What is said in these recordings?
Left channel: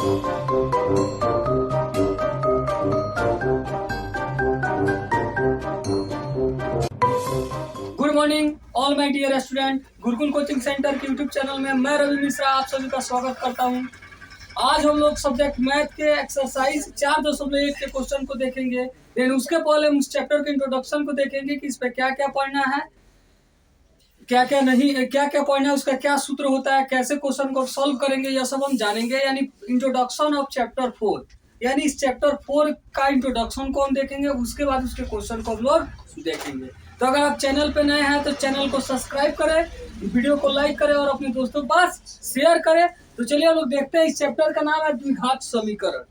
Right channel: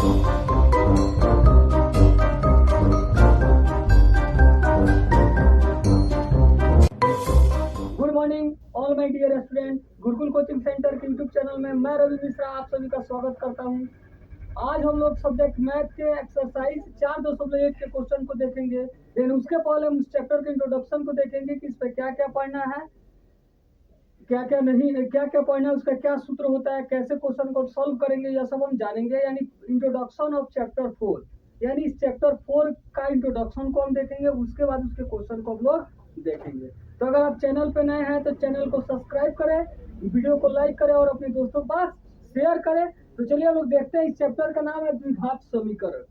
Good morning all my dear student. Gurukul coaching centre के YouTube channel में मैं रवि मिश्रा आप सभी का स्वागत करता हूं। आज हम लोग सब्जेक्ट मैथ के एक्सरसाइज 4.1 के क्वेश्चन को देखेंगे। देन उसके पहले हम उस चैप्टर के इंट्रोडक्शन को देखेंगे कि इस पे क्या क्या पढ़ना है, क्या क्या नहीं, क्या क्या पढ़ना है, उसका क्या सूत्र होता है, कैसे क्वेश्चन को सॉल्व करेंगे, यह सब हम जानेंगे। यानी इंट्रोडक्शन ऑफ चैप्टर 4, यानी इस चैप्टर 4 का इंट्रोडक्शन को हम देखेंगे। उसके बाद उसके क्वेश्चन को हम लोग देखेंगे। तो अगर आप चैनल पे नए हैं तो चैनल को सब्सक्राइब करें, वीडियो को लाइक करें और अपने दोस्तों के पास शेयर करें। तो चलिए हम लोग देखते हैं। इस चैप्टर का नाम है द्विघात समीकरण।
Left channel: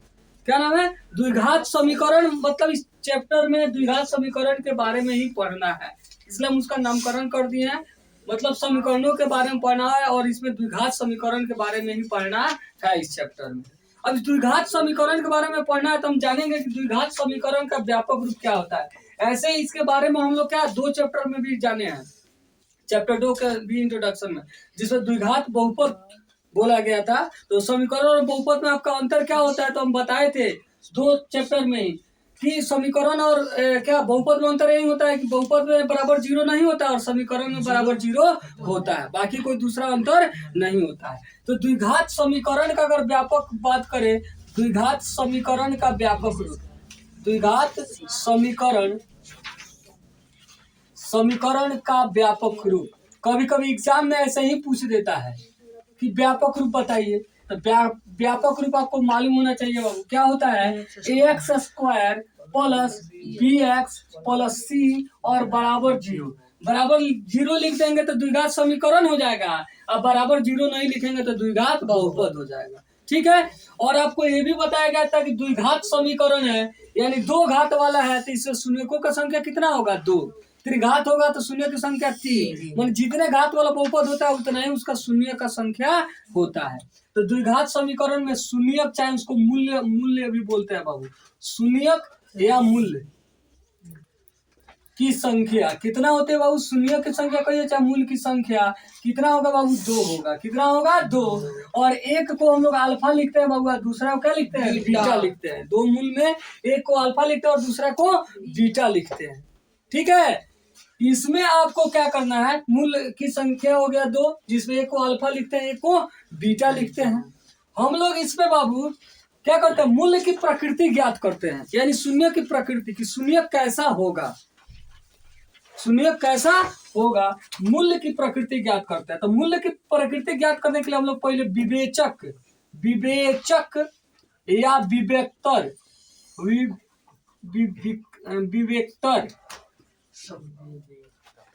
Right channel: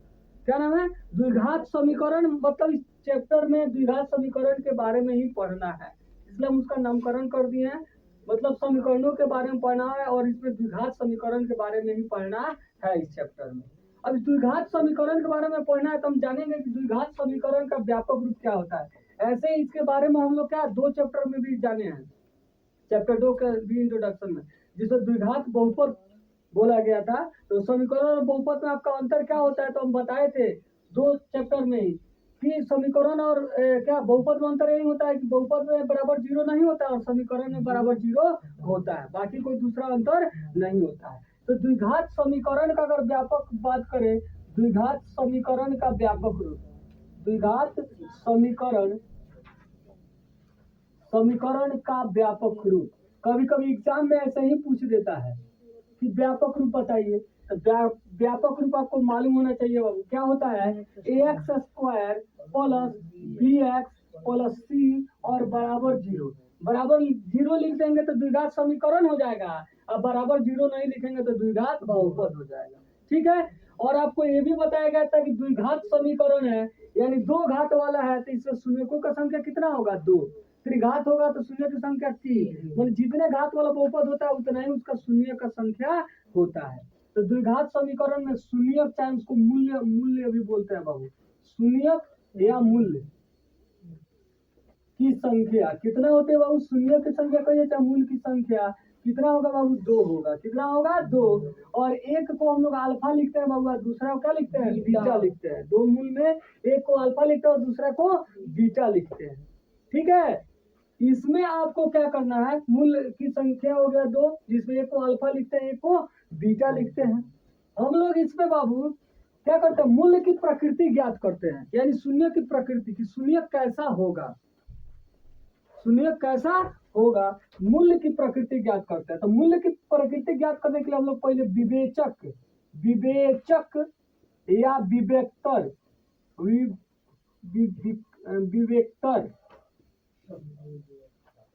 क्या नाम है? द्विघात समीकरण। मतलब इस चैप्टर में द्विघात समीकरण के बारे में ही पढ़ना है, इसलिए हम उसका नामकरण कर दिए हैं। मतलब समीकरणों के बारे में पढ़ना है और इसमें द्विघात समीकरण के बारे में ही पढ़ना है इस चैप्टर में। अब द्विघात समीकरण के बारे में पढ़ना है तो हम जानेंगे कि द्विघात समीकरण का व्यापक रूप क्या होता है। ऐसे ही इसके बारे में हम लोग क्या 2 चैप्टर में भी जाने हैं। चैप्टर 2 के भी इंट्रोडक्शन में, जिसमें द्विघात बहुपद बोला गया था। तो समीकरण और बहुपद में आपका अंतर क्या होता है तो हम बताए थे 2 चैप्टर में ही कि समीकरण और क्या बहुपद में अंतर यही होता है कि बहुपद में बराबर 0 नहीं होता और समीकरण में बराबर 0 होता है, बाकी कोई दूसरा अंतर नहीं होता है। तो द्विघात समीकरण का अगर व्यापक बात करें, द्विघात समीकरण का व्यापक रूप, द्विघात समीकरण का व्यापक रूप कभी कभी एग्जाम में ऐसे ही पूछ देता है कि व्यापक रूप बताइए। तो व्यापक रूप आपको मालूम होना चाहिए बाबू। क्या होता है? ax² plus bx plus c और बराबर 0। बराबर 0 लिख देंगे तो द्विघात समीकरण हो जाएगा, अब बराबर 0 नहीं लिखेंगे तो द्विघात बहुपद हो जाएगा। ठीक है। और आपको ये भी बताया गया था कि द्विघात समीकरण है यानी 2 घात वाला है तो इससे शून्यकों का संख्या कितना होगा? 2। त्रिघात होगा तो शून्य की संख्या 3। मतलब जितने घात वाला बहुपद होता है उतना ही उसका शून्य का संख्या होता है। तो द्विघात समीकरण में शून्यक, चाहे उसको मूल्य भी बोलते हैं बाबू, शून्यक या मूल्य की संख्या कितना होते हैं बाबू? शून्य की संख्या कहिए चाहे मूल की संख्या कितना होगा बाबू? 2 होगा। कितना होगा? 2। और एक को हम लोग अल्फा लिखते हैं बाबू, दूसरा को क्या लिखते हैं? बीटा लिखते हैं। 2 मूल में एक को अल्फा लिखते हैं और दूसरा को बीटा लिखते हैं। ठीक है। इसमें आपको क्या करना है? मूल की संख्या हो गया 2, जिसमें एक को अल्फा लिखते हैं, एक को बीटा लिखते हैं। हम लोग इसमें बाबू क्या करते हैं? मूल्य की प्रकृति ज्ञात करते हैं, यानी शून्य की प्रकृति की शून्य कैसा होगा, शून्य कैसा होगा, मूल्य की प्रकृति ज्ञात करते हैं। तो मूल्य की प्रकृति ज्ञात करने के लिए हम लोग पहले विवेचक या विवेक्तर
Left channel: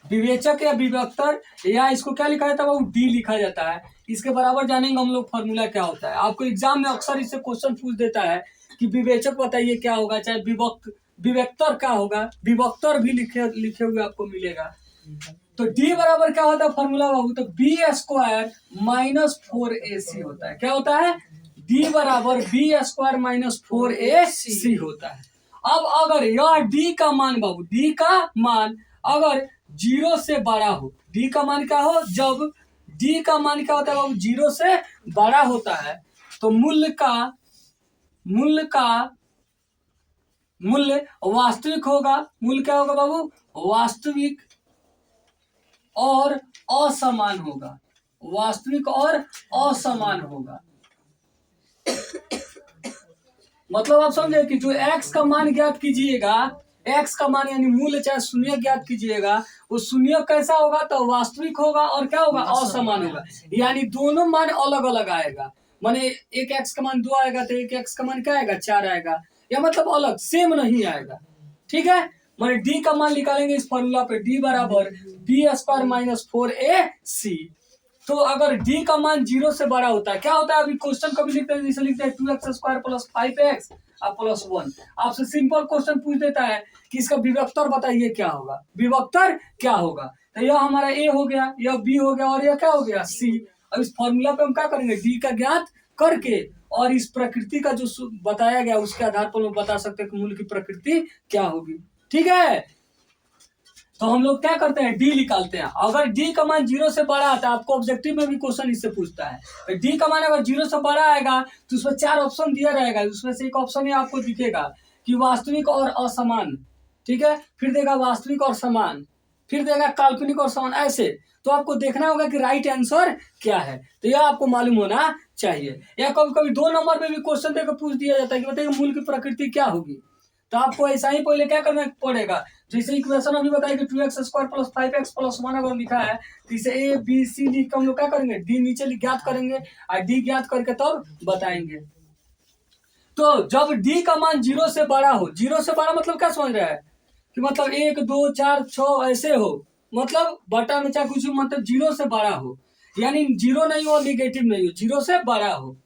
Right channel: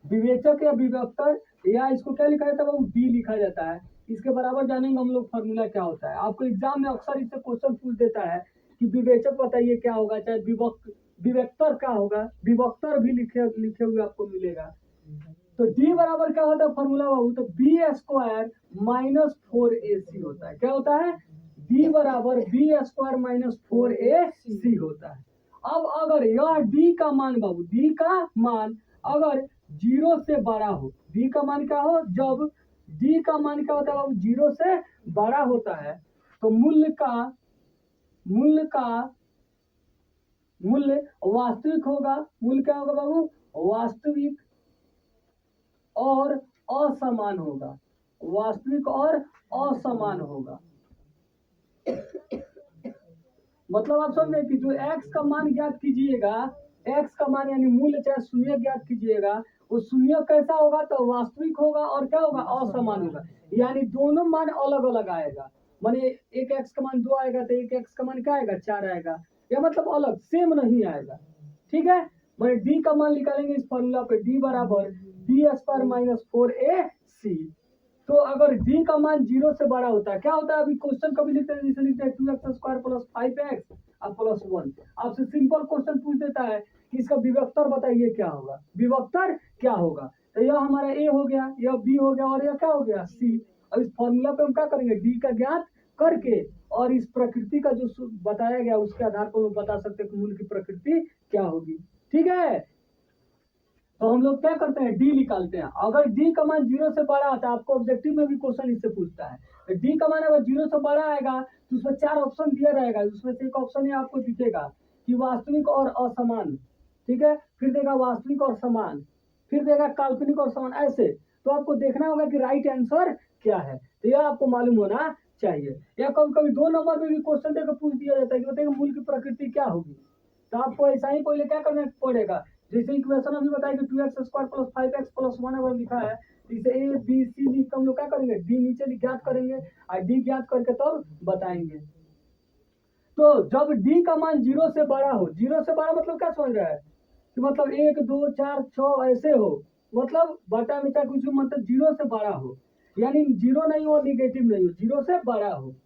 विवेचक या विवेक्तर, या इसको क्या लिखा जाता है बाबू? डी लिखा जाता है। इसके बराबर जानेंगे हम लोग फॉर्मूला क्या होता है। आपको एग्जाम में अक्सर इससे क्वेश्चन पूछ देता है कि विवेचक बताइए क्या होगा, चाहे विवेक्तर क्या होगा, विभक्तर भी लिखे हुए आपको मिलेगा। तो डी बराबर क्या होता है फॉर्मूला बाबू? तो b² माइनस 4ac होता है। क्या होता है? डी बराबर b² माइनस 4ac होता है। अब अगर यह डी का मान बाबू, डी का मान अगर 0 से बड़ा हो, डी का मान क्या हो? जब डी का मान क्या होता है बाबू? 0 से बड़ा होता है तो मूल्य वास्तविक होगा। मूल्य क्या होगा बाबू? वास्तविक और असमान होगा। वास्तविक और असमान होगा। मतलब आप समझे कि जो x का मान ज्ञात कीजिएगा, x का मान यानी मूल्य चाहे शून्य ज्ञात कीजिएगा, वो शून्य कैसा होगा? तो वास्तविक होगा और क्या होगा? असमान होगा। यानी दोनों मान अलग अलग आएगा। माने एक x का मान 2 आएगा तो एक x का मान क्या आएगा? 4 आएगा। या मतलब अलग सेम नहीं आएगा। ठीक है। माने d का मान निकालेंगे इस फॉर्मूला पे, d बराबर b² माइनस 4ac। तो अगर d का मान 0 से बड़ा होता है, क्या होता है? अभी क्वेश्चन कभी लिखते हैं जैसे लिखते हैं 2x² प्लस 5x प्लस 1। आपसे सिंपल क्वेश्चन पूछ देता है कि इसका विभक्तर बताइए क्या होगा, विभक्तर क्या होगा। तो यह हमारा a हो गया, यह b हो गया और यह क्या हो गया? c। अब इस फॉर्मूला पे हम क्या करेंगे? d का ज्ञात करके और इस प्रकृति का जो बताया गया उसके आधार पर हम बता सकते हैं कि मूल की प्रकृति क्या होगी। ठीक है। तो हम लोग क्या करते हैं, डी निकालते हैं। अगर डी का मान 0 से बड़ा आता है, आपको ऑब्जेक्टिव में भी क्वेश्चन इससे पूछता है, डी का मान अगर 0 से बड़ा आएगा तो उसमें 4 ऑप्शन दिया रहेगा, उसमें से एक ऑप्शन ही आपको दिखेगा कि वास्तविक और असमान, ठीक है, फिर देगा वास्तविक और समान, फिर देगा काल्पनिक और समान, ऐसे। तो आपको देखना होगा कि राइट आंसर क्या है, तो यह आपको मालूम होना चाहिए। या कभी कभी 2 नंबर में भी क्वेश्चन देकर पूछ दिया जाता है कि बताइए मूल की प्रकृति क्या होगी, तो आपको ऐसा ही पहले क्या करना पड़ेगा, जैसे इक्वेशन अभी बताया कि 2x² + 5x + 1 अगर लिखा है तो इसे ए बी सी लिख कर हम लोग क्या करेंगे, डी नीचे ज्ञात करेंगे और डी ज्ञात करके तब बताएंगे। तो जब डी का मान 0 से बड़ा हो, 0 से बड़ा मतलब क्या समझ रहा है कि मतलब 1 2 4 6 ऐसे हो, मतलब बटा में चाहे कुछ मतलब 0 से बड़ा हो, यानी 0 नहीं हो निगेटिव नहीं हो, 0 से बड़ा हो,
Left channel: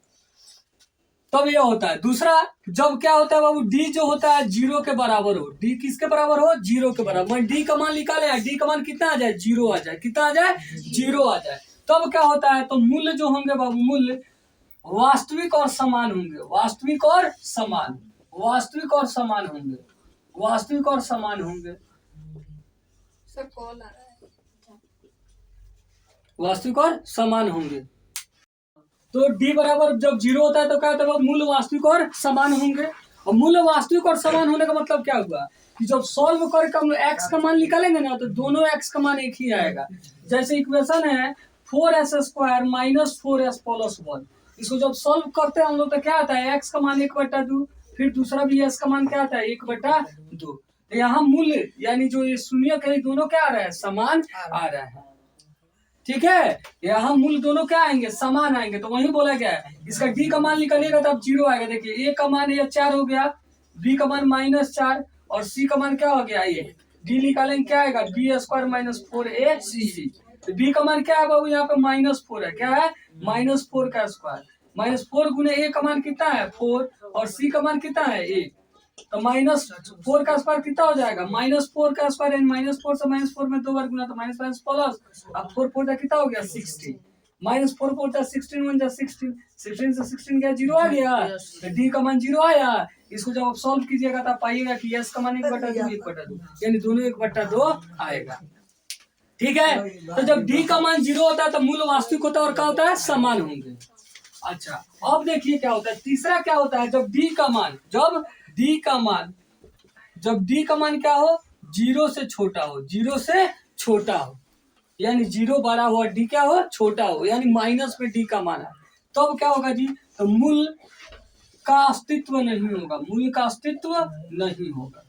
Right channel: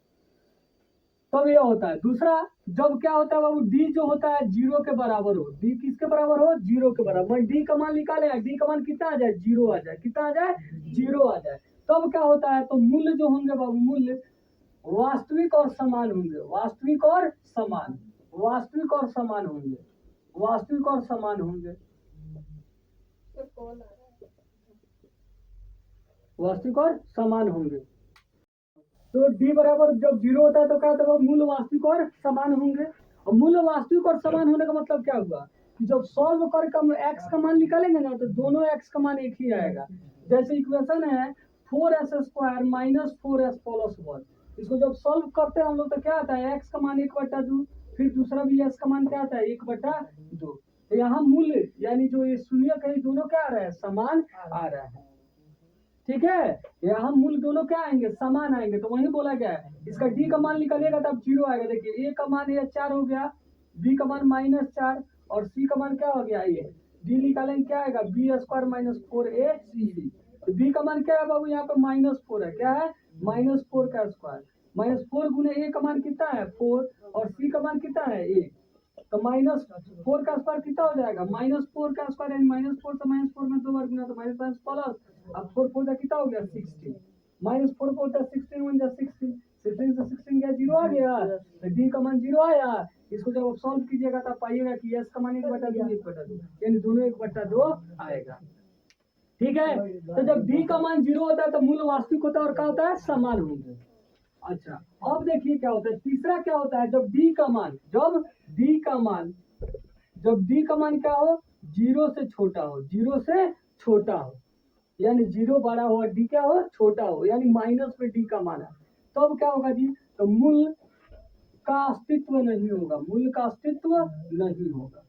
तब यह होता है। दूसरा, जब क्या होता है बाबू, डी जो होता है 0 के बराबर हो, डी किसके बराबर हो, 0 के बराबर, डी का मान निकाले, डी का मान कितना आ जाए, 0 आ जाए, कितना आ जाए, 0 आ जाए, तब क्या होता है, तो मूल्य जो होंगे बाबू, मूल्य वास्तविक और समान होंगे, वास्तविक और समान, वास्तविक और समान होंगे, वास्तविक और समान होंगे, सर कॉल आ रहा है। वास्तविक और समान होंगे। तो डी बराबर जब 0 होता है तो क्या होता है, मूल्य वास्तविक और समान होंगे। और मूल्य वास्तविक और समान होने का मतलब क्या हुआ कि जब सॉल्व करके हम एक्स का मान निकालेंगे ना, तो दोनों एक्स का मान एक ही आएगा। जैसे इक्वेशन है 4s² - 4s + 1, इसको जब सॉल्व करते हैं हम लोग तो क्या आता है, एक्स का मान 1/2, फिर दूसरा भी एस का मान क्या आता है, 1/2। तो यहाँ मूल्य यानी जो ये शून्य है, दोनों क्या आ रहा है, समान आ रहा है, ठीक है। यहाँ मूल्य दोनों क्या आएंगे, समान आएंगे, तो वही बोला गया है। इसका डी का मान निकालिएगा तब 0 आएगा। देखिए ए का मान ये 4 हो गया, बी का मान -4 और सी का मान क्या हो गया, ये डी निकालेंगे क्या आएगा, b² - 4ac। तो बी का मान क्या है बाबू, यहाँ पे -4 है, क्या है, -4 का स्क्वायर, -4 गुने ए का मान कितना है 4 और सी का मान कितना है 1, तो -4 का स्क्वायर कितना हो जाएगा, -4 का स्क्वायर यानी -4 से -4 में 2 बार गुना तो माइनस प्लस, अब 4 4 कितना हो गया 60, -4 4 16 1 16, 16 से 16 गया 0 आ गया, तो डी का मान 0 आया। इसको जब आप सॉल्व कीजिएगा तो पाइएगा कि एस का मान 1/2 1/2, यानी दोनों 1/2 आएगा, ठीक है। तो जब डी का मान 0 होता है तो मूल्य वास्तविक होता है और क्या होता है, समान होंगे। अच्छा, अब देखिए क्या होता है, तीसरा क्या होता है, जब डी का मान जब डी का मान क्या हो, 0 से छोटा हो, 0 से छोटा हो, यानी 0 बड़ा हो और डी क्या हो, छोटा हो, यानी माइनस में डी का मान है, तब क्या होगा जी, तो मूल्य का अस्तित्व नहीं होगा, मूल्य का अस्तित्व नहीं होगा।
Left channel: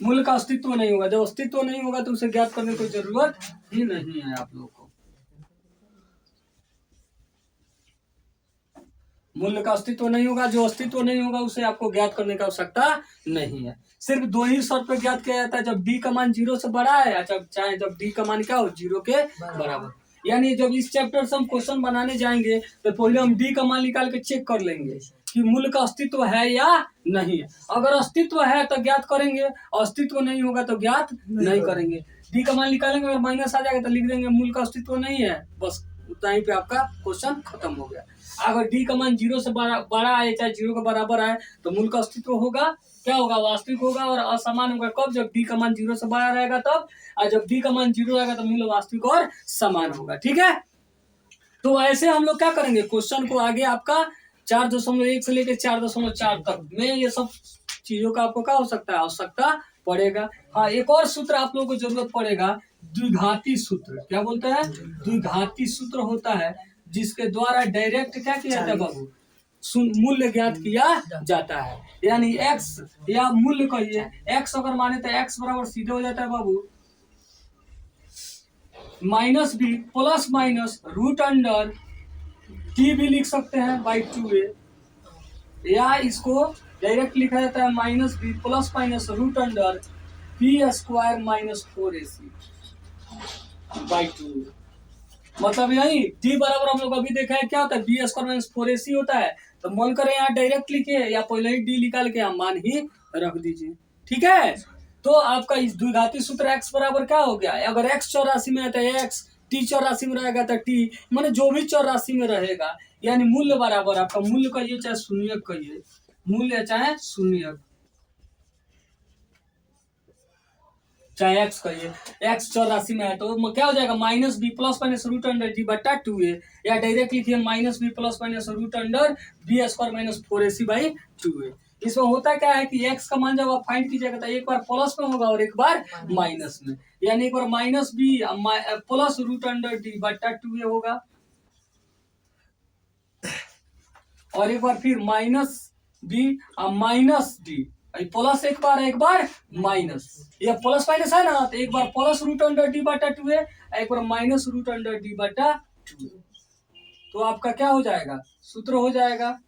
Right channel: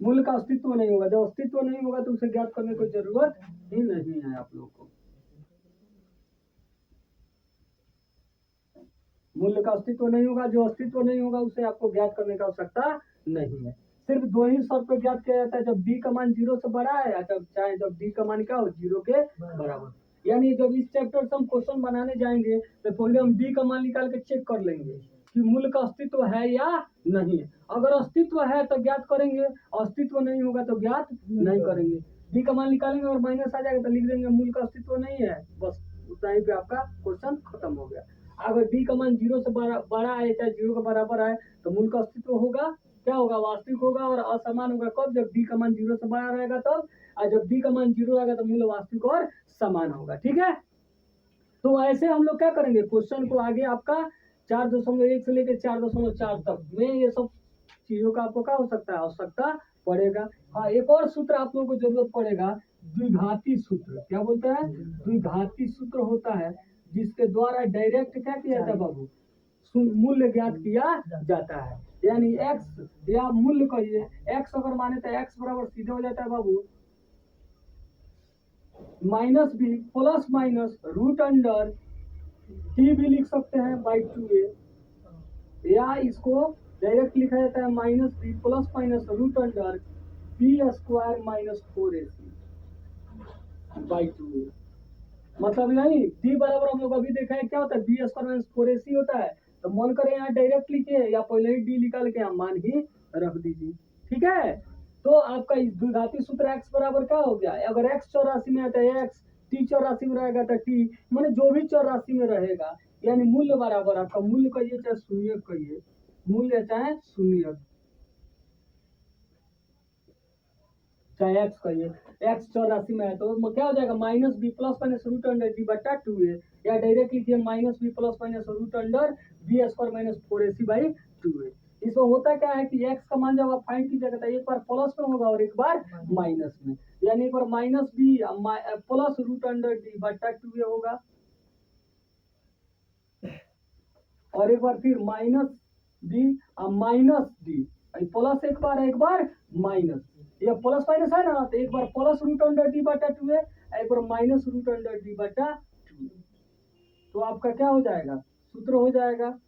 मूल्य का अस्तित्व नहीं होगा, जब अस्तित्व नहीं होगा तो उसे ज्ञात करने की कोई जरूरत ही नहीं है आप लोगों को। मूल्य का अस्तित्व नहीं होगा, जो अस्तित्व नहीं होगा उसे आपको ज्ञात करने की आवश्यकता नहीं है। सिर्फ 2 ही शर्त पर ज्ञात किया जाता है, जब डी का मान 0 से बड़ा है, चाहे जब डी का मान क्या हो, 0 के बराबर। यानी जब इस चैप्टर से हम क्वेश्चन बनाने जाएंगे तो पहले हम डी का मान निकाल के चेक कर लेंगे कि मूल्य का अस्तित्व है या नहीं। अगर अस्तित्व है तो ज्ञात करेंगे, अस्तित्व नहीं होगा तो ज्ञात नहीं करेंगे। डी का मान निकालेंगे, अगर माइनस आ जाएगा तो लिख देंगे मूल्य का अस्तित्व नहीं है, बस उतना ही पे आपका क्वेश्चन खत्म हो गया। अगर डी का मान 0 से बड़ा आए चाहे 0 के बराबर आए तो मूल्य का अस्तित्व होगा, क्या होगा, वास्तविक होगा और असमान होगा। कब, जब डी का मान 0 से बड़ा रहेगा तब, और जब डी का मान 0 रहेगा तो मूल्य वास्तविक और समान होगा, ठीक है। तो ऐसे हम लोग क्या करेंगे, क्वेश्चन को आगे आपका 4.1 से लेकर 4.4 तक में ये सब चीजों का आपको क्या हो सकता है, आवश्यकता पड़ेगा। हाँ, एक और सूत्र आप लोगों को जरूरत पड़ेगा, द्विघाती सूत्र। क्या बोलते हैं, द्विघाती सूत्र होता है जिसके द्वारा डायरेक्ट क्या किया जाता है बाबू, मूल्य ज्ञात किया जाता है। यानी x या मूल्य कहिए, x अगर माने तो x बराबर सीधे हो जाता है बाबू -b + √अंडर t भी लिख सकते हैं /2a, या इसको डायरेक्ट लिखा जाता है -b ± √under p² - 4ac /2a। मतलब यही d बराबर हम लोग अभी देखा है क्या होता है, b² - 4ac होता है। तो मन करें यहाँ डायरेक्ट लिखे या पहले ही d निकाल के यहाँ मान ही रख दीजिए, ठीक है। तो आपका इस द्विघाती सूत्र x बराबर क्या हो गया, अगर x 84 में है तो x टी चौरासी में रहेगा तो टी माने जो भी चौरासी में रहेगा, यानी मूल्य बराबर आपका मूल्य कहिए चाहे शून्य कहिए, मूल्य चाहे शून्य चाहे एक्स कहिए, एक्स चौरासी में है तो क्या हो जाएगा minus B plus minus root under D बटा 2a, या डायरेक्ट लिखिए minus B plus minus root under B square minus 4ac by 2a। इसमें होता क्या है कि एक्स का मान जब आप फाइंड कीजिएगा तो एक बार प्लस में होगा और एक बार माइनस में, यानी एक बार minus B plus root under D बटा 2a होगा और एक बार फिर minus B minus D, plus एक बार माइनस, ये प्लस माइनस है ना, तो एक बार प्लस रूट अंडर डी बटा 2a, एक बार माइनस रूट अंडर डी बटा 2, तो आपका क्या हो जाएगा सूत्र हो जाएगा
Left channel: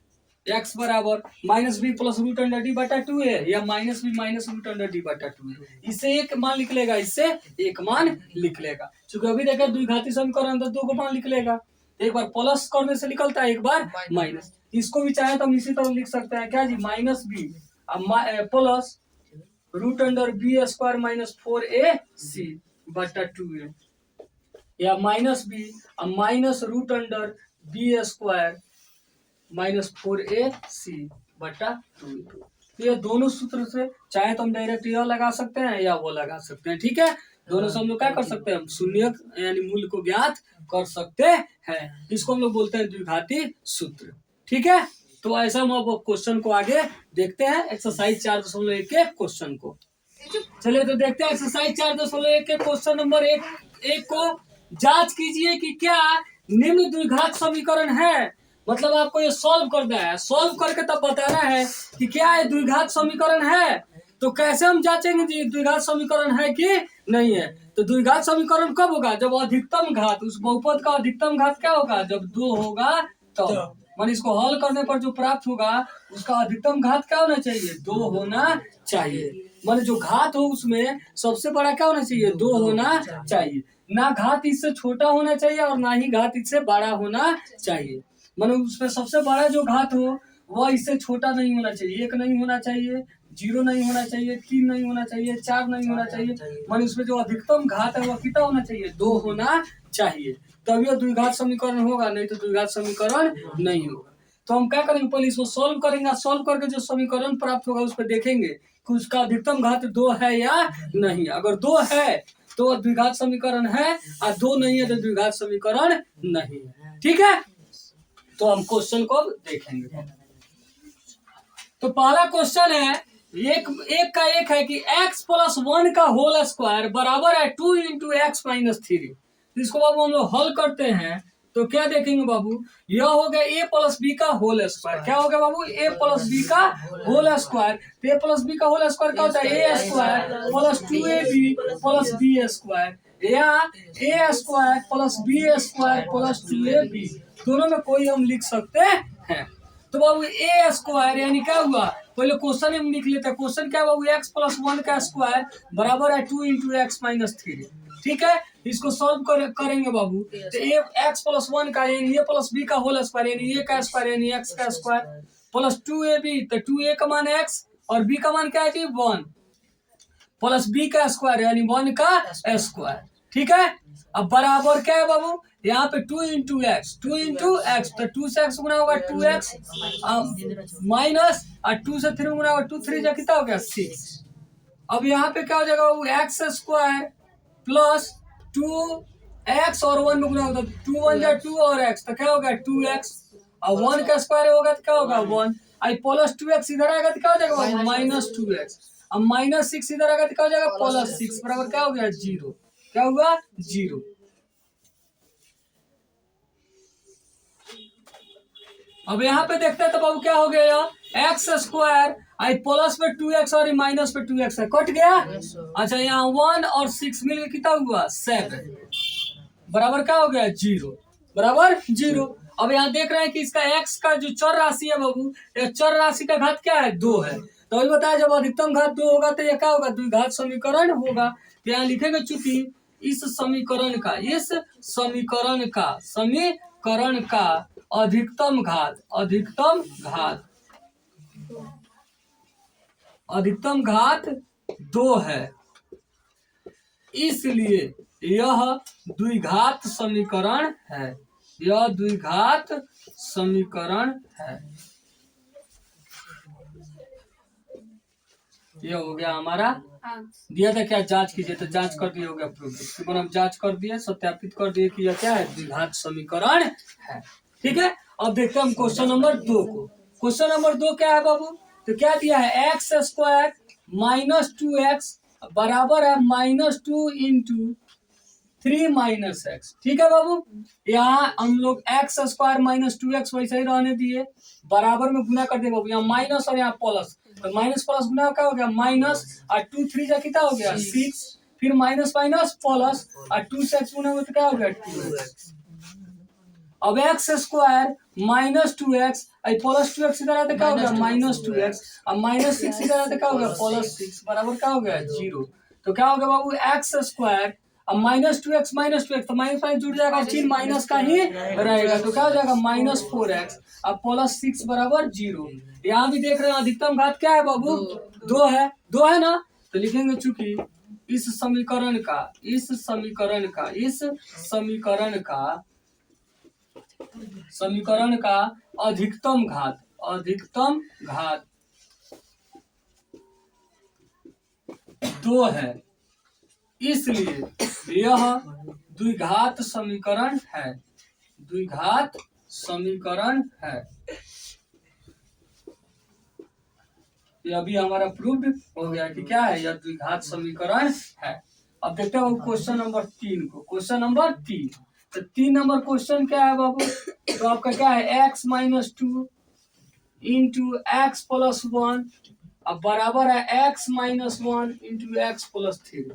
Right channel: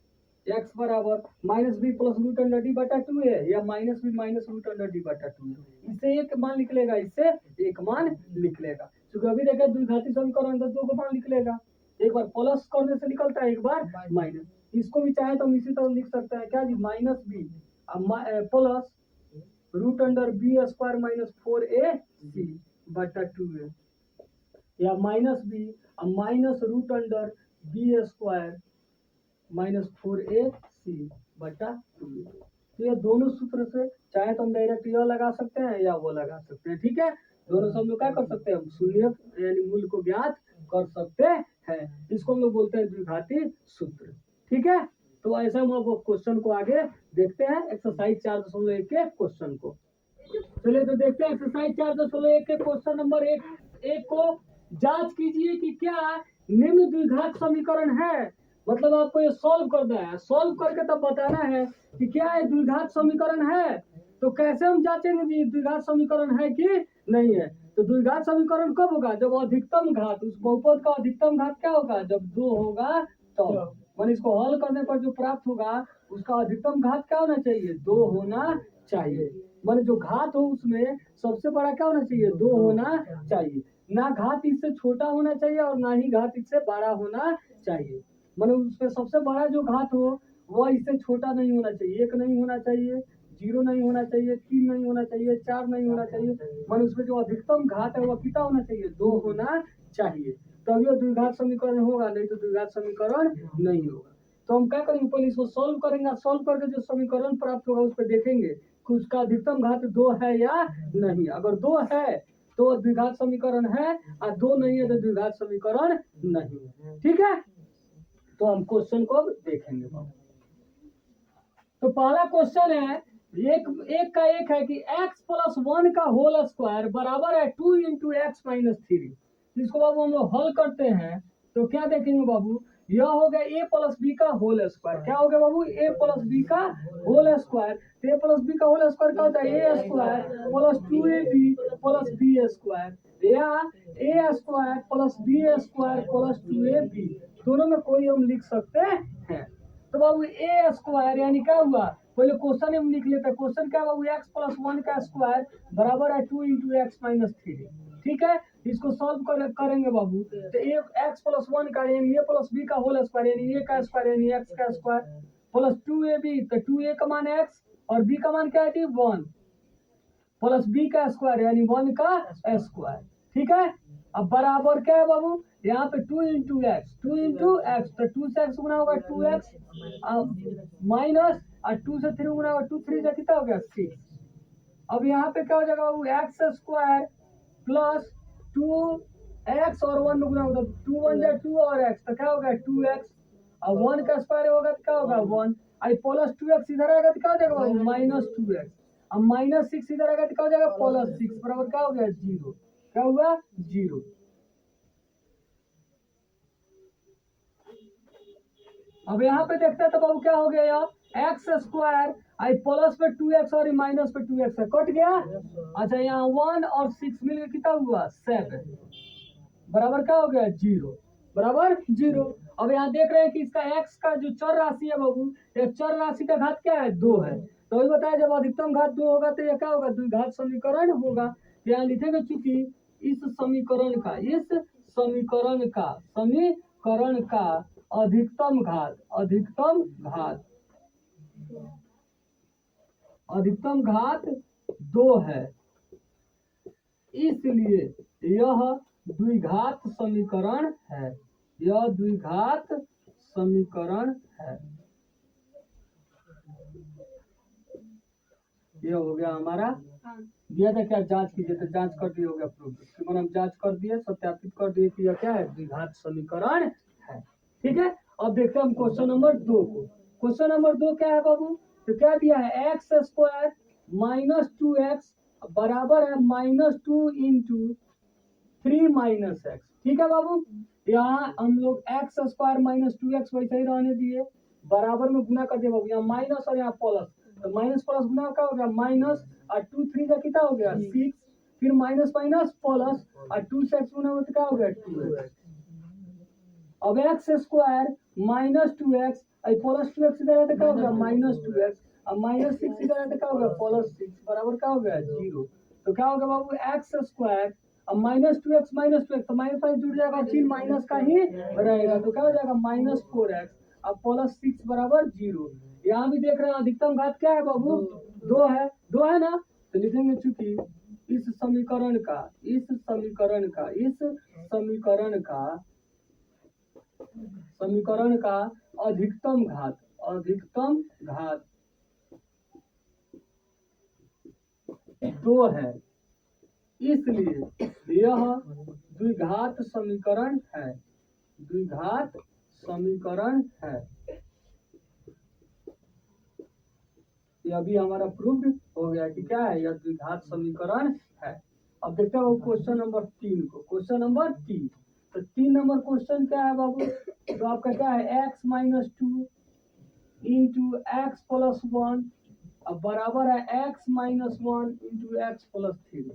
x बराबर minus B plus root under D बटा 2a या minus B minus root under D बटा 2a, इससे एक मान लिख लेगा, इससे एक मान लिख लेगा, क्योंकि अभी देखिए द्विघाती समीकरण तो दो को मान लिख लेगा, एक बार प्लस करने से निकलता है एक बार माइनस, इसको भी चाहे तो हम इसी तरह लिख सकते हैं क्या जी, minus B plus root under B square minus 4ac बटा 2a, या minus B minus root under B square minus 4ac बटा 2a। तो ये दोनों सूत्र से चाहे तो हम डायरेक्ट यह लगा सकते हैं या वो लगा सकते हैं, ठीक है, दोनों से हम लोग क्या कर सकते हैं, हम शून्य यानी मूल्य को ज्ञात कर सकते हैं, इसको हम लोग बोलते हैं द्विघाती सूत्र, ठीक है। तो ऐसा हम अब क्वेश्चन को आगे देखते हैं, एक्सरसाइज 4.1 के क्वेश्चन को। चलिए तो देखते हैं एक्सरसाइज 4.1 के क्वेश्चन नंबर एक को जांच कीजिए कि क्या निम्न द्विघात समीकरण है, मतलब आपको ये सॉल्व करना है, सॉल्व करके तब बताना है कि क्या ये द्विघात समीकरण है। तो कैसे हम जांचेंगे जी द्विघात समीकरण है कि नहीं है, तो द्विघात समीकरण कब होगा, जब अधिकतम घात, उस बहुपद का अधिकतम घात क्या होगा, जब 2 होगा तो मान इसको हल करने पर जो प्राप्त होगा उसका अधिकतम घात क्या होना चाहिए, 2 होना चाहिए, मान जो घात हो उसमें सबसे बड़ा क्या होना चाहिए, 2 होना चाहिए, ना घात इससे छोटा होना चाहिए और ना ही घात इससे बड़ा होना चाहिए, मानो उसमें सबसे बड़ा जो घात हो वह इससे छोटा नहीं होना चाहिए, 1 नहीं होना चाहिए, 0 नहीं होना चाहिए, 3 नहीं होना चाहिए, 4 नहीं होना चाहिए, मानो उसमें जो अधिकतम घात है वह कितना होना चाहिए, 2 होना चाहिए, तभी यह द्विघात समीकरण होगा, नहीं तो द्विघात समीकरण नहीं होगा। तो हम क्या करेंगे, पहले इसको सॉल्व करेंगे, सॉल्व करके जो समीकरण प्राप्त होगा उस पर देखेंगे कि उसका अधिकतम घात 2 है या नहीं, अगर 2 है तो द्विघात समीकरण है और 2 नहीं है तो द्विघात समीकरण नहीं है, ठीक है। तो हम क्वेश्चन को देखेंगे। तो पहला क्वेश्चन है एक का एक है कि x प्लस 1 का होल स्क्वायर बराबर है 2 इंटू एक्स माइनस 3। इसको बाबू हम लोग हल करते हैं तो क्या देखेंगे बाबू, यह हो गया a प्लस बी का होल स्क्वायर, क्या हो गया बाबू, a प्लस बी का होल स्क्वायर, तो a प्लस बी का होल स्क्वायर क्या होता है, a square plus 2ab plus B square, या a square plus B square plus 2ab, दोनों में कोई हम लिख सकते हैं। तो बाबू ए स्क्वायर यानी क्या हुआ, पहले क्वेश्चन हम लिख लेते हैं, क्वेश्चन क्या बाबू, एक्स प्लस 1 का स्क्वायर बराबर है 2 इंटू एक्स माइनस 3, ठीक है, इसको सॉल्व करेंगे बाबू, तो ए एक्स प्लस 1 का यानी ए प्लस बी का होल स्क्वायर यानी ए का स्क्वायर यानी एक्स का स्क्वायर प्लस 2ab, तो 2a का मान एक्स और b का मान क्या है जी 1 प्लस b का स्क्वायर यानी 1 का स्क्वायर, ठीक है। अब बराबर क्या है बाबू, यहाँ पे 2 इंटू एक्स तो 2 से एक्स गुना होगा 2x माइनस और 2 से 3 गुना होगा 2 3 जा कितना हो गया 6। अब यहाँ पे क्या हो जाएगा बाबू, एक्स स्क्वायर प्लस 2x और 1 में गुना होगा 2 1 जा 2 और x, तो क्या होगा 2x और 1 का स्क्वायर होगा तो क्या होगा 1, आई प्लस 2x इधर आएगा तो क्या हो जाएगा बाबू माइनस 2x, अब माइनस 6 इधर आएगा तो क्या हो जाएगा प्लस 6 बराबर क्या हो गया 0, क्या हुआ 0। अब यहाँ पे देखते हैं तो बाबू क्या हो गया, एक्स स्क्वायर आई प्लस पे 2x और माइनस पे 2x है कट गया, अच्छा यहाँ 1 और 6 मिलकर कितना हुआ 7 बराबर क्या हो गया 0 बराबर 0। अब यहाँ देख रहे हैं कि इसका x का जो चर राशि है बाबू, ये चर राशि का घात क्या है 2 है, तो अभी बताया जब अधिकतम घात 2 होगा तो ये क्या होगा द्विघात समीकरण होगा, तो यहाँ लिखेंगे चूंकि इस समीकरण का अधिकतम घात 2 है, इसलिए यह द्विघात समीकरण है। यह द्विघात समीकरण है। यह हो गया हमारा दिया था। क्या जांच कीजिए, तो जांच कर दिए, हो गया प्रूफ। तकरीबन हम जांच कर दिए, सत्यापित कर दिए कि यह क्या है, द्विघात समीकरण है। ठीक है, अब देखते हैं हम क्वेश्चन नंबर 2 को। क्वेश्चन नंबर 2 क्या है बाबू, तो क्या दिया है, एक्स स्क्वायर माइनस 2x बराबर है -2 इंटू 3 माइनस एक्स। ठीक है बाबू, यहाँ हम लोग एक्स स्क्वायर माइनस 2x वैसे ही रहने दिए, बराबर में गुना कर दिए बाबू, यहाँ माइनस और यहाँ प्लस, तो माइनस प्लस गुना क्या हो गया माइनस, और 2 3 जा कितना हो गया 6, फिर माइनस माइनस प्लस, और 2 से x गुना हो तो क्या हो गया 2x। अब x square minus 2x plus 2x इधर आते क्या हो गया -2x, अब -6 इधर आते क्या हो गया +6 बराबर क्या हो गया 0। तो क्या हो गया बाबू, एक्स स्क्वायर अब -2x तो माइनस माइनस जुड़ जाएगा, चिन्ह माइनस का ही रहेगा, तो क्या हो जाएगा -4x अब +6 बराबर 0। यहाँ भी देख रहे हैं अधिकतम घात क्या है बाबू, 2 है, 2 है ना, तो लिखेंगे चूंकि इस समीकरण का अधिकतम घात 2 है, इसलिए यह द्विघात समीकरण है। ये अभी हमारा प्रूव्ड हो गया कि क्या है, यह द्विघात समीकरण है। अब देखते हैं क्वेश्चन नंबर 3 को। क्वेश्चन नंबर 3, तो 3 नंबर क्वेश्चन क्या है बाबू, तो आपका क्या है, x minus 2 into x plus 1 अब बराबर है x minus 1 into x plus 3।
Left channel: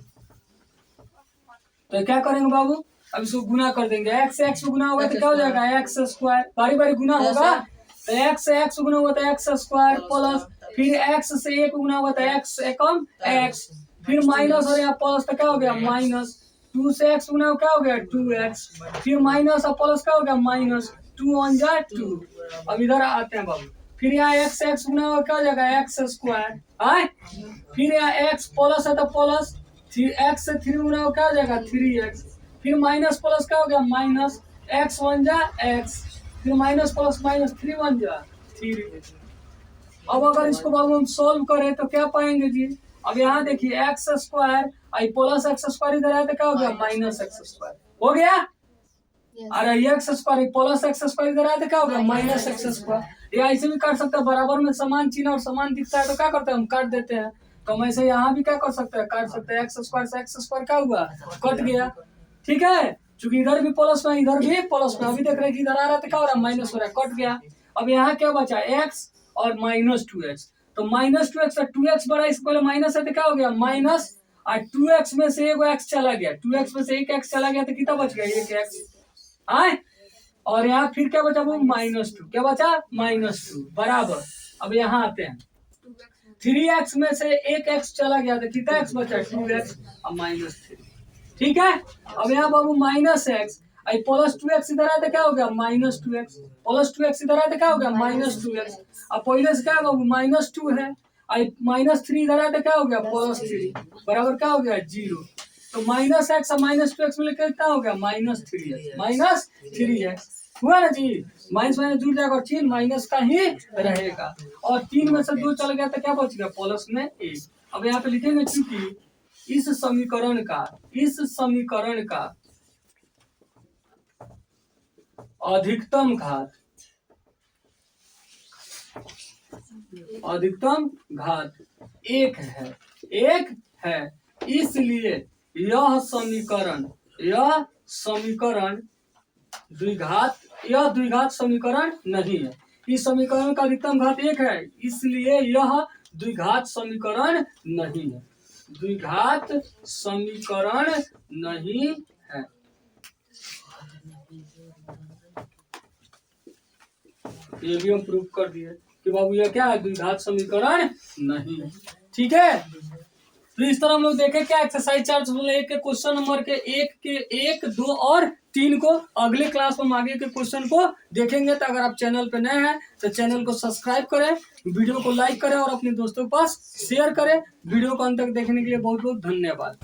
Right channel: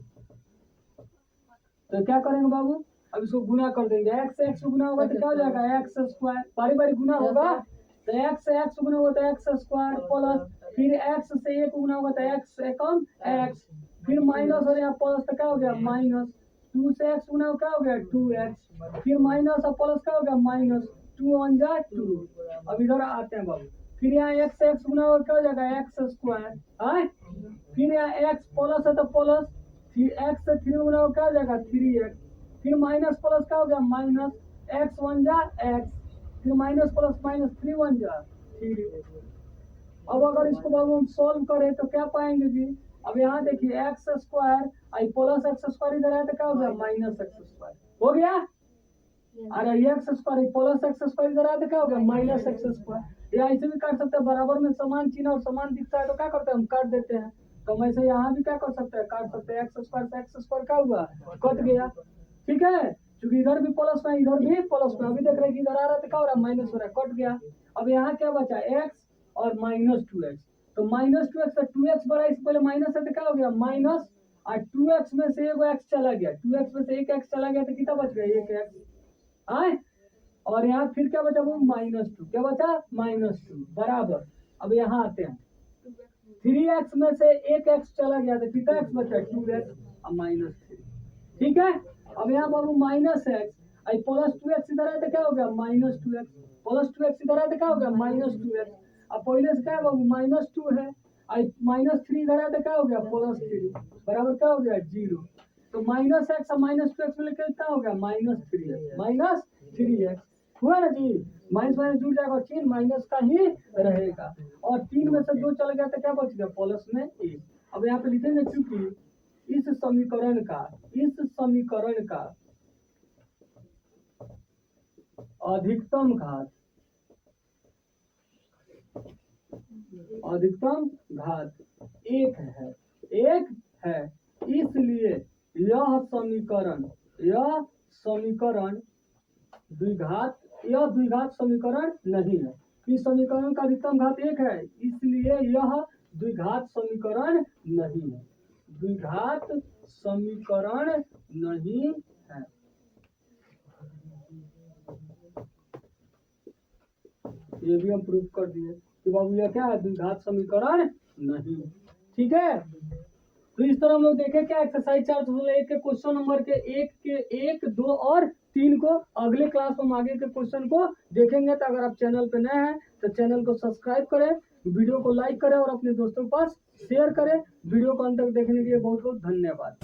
तो क्या करेंगे बाबू, अब इसको गुना कर देंगे, x से x गुना होगा तो क्या हो जाएगा एक्स स्क्वायर, बारी बारी गुना होगा, तो x से x गुना होगा तो एक्स स्क्वायर प्लस, फिर x से 1 गुना होगा तो x एकम x, फिर माइनस और यहाँ प्लस तो क्या हो गया माइनस, 2 से x गुना क्या हो गया 2x, फिर माइनस और प्लस क्या हो गया माइनस, 2 1 जा 2। अब इधर आते हैं बाबू, फिर यहाँ x गुना होगा क्या हो जाएगा एक्स स्क्वायर, फिर यहाँ x प्लस है तो प्लस, x से 3 गुना होगा क्या हो जाएगा 3x, फिर माइनस प्लस क्या हो गया माइनस, x 1 जा x, फिर माइनस प्लस माइनस 3 1 जा 3। अब अगर इसको बाबू हम सोल्व करें तो क्या पाएंगे जी, अब यहाँ देखिए एक्स स्क्वायर आई प्लस एक्स स्क्वायर इधर है तो क्या हो गया माइनस एक्स स्क्वायर हो गया, अरे x square plus x square इधर है तो क्या हो गया माइनस एक्स स्क्वायर। या ऐसे भी कर सकते हैं, बराबर में समान चिन्ह और समान दिखता है तो क्या करते हैं हम काट देते हैं, तो हम ऐसे यहाँ भी क्या कर सकते हैं काट सकते हैं, एक्स स्क्वायर से एक्स स्क्वायर क्या हुआ कट गया। ठीक है, चूंकि इधर भी प्लस में इधर भी प्लस में, अभी देख रहे हैं कि इधर आ रहा था क्या हो रहा है माइनस हो रहा है, कट गया। अब यहाँ क्या बचा एक्स और -2x, तो -2x और 2x बड़ा, इससे पहले माइनस है तो क्या हो गया माइनस, और 2x में से एक x चला गया, 2x में से एक x चला गया तो कितना बच गया 1x, और यहाँ फिर क्या बचा वो -2, क्या बचा -2 बराबर। अब यहाँ आते हैं 3x में से एक x चला गया तो कितना x बचा 2x और -3। ठीक है, अब यहाँ बाबू -x आई प्लस 2x इधर आया तो क्या हो गया -2x, प्लस 2x इधर आया तो क्या हो गया -2x, अब पहले से क्या है बाबू -2 है, आई -3 इधर आया तो क्या हो गया +3 बराबर क्या हो गया 0। तो -x और -2x मिलकर कितना हो गया -3x हुआ ना जी, माइनस माइनस जुड़ जाएगा और चिन्ह माइनस का ही रहेगा, और 3 में से 2 चल गया तो क्या बच गया प्लस में 1। अब यहाँ पे लिखेंगे चूंकि इस समीकरण का अधिकतम घात 1 है, इसलिए यह समीकरण द्विघात समीकरण नहीं है। इस समीकरण का अधिकतम घात 1 है, इसलिए यह द्विघात समीकरण नहीं है, ये भी हम प्रूव कर दिए कि बाबू यह क्या है द्विघात समीकरण नहीं है। ठीक है, तो इस तरह हम लोग देखें क्या एक्सरसाइज 4.1 के क्वेश्चन नंबर के 1, 2 और 3 को अगले क्लास में हम आगे के क्वेश्चन को देखेंगे। तो अगर आप चैनल पे नए हैं तो चैनल को सब्सक्राइब करें, वीडियो को लाइक करें और अपने दोस्तों के पास शेयर करें। वीडियो को अंत तक देखने के लिए बहुत बहुत धन्यवाद।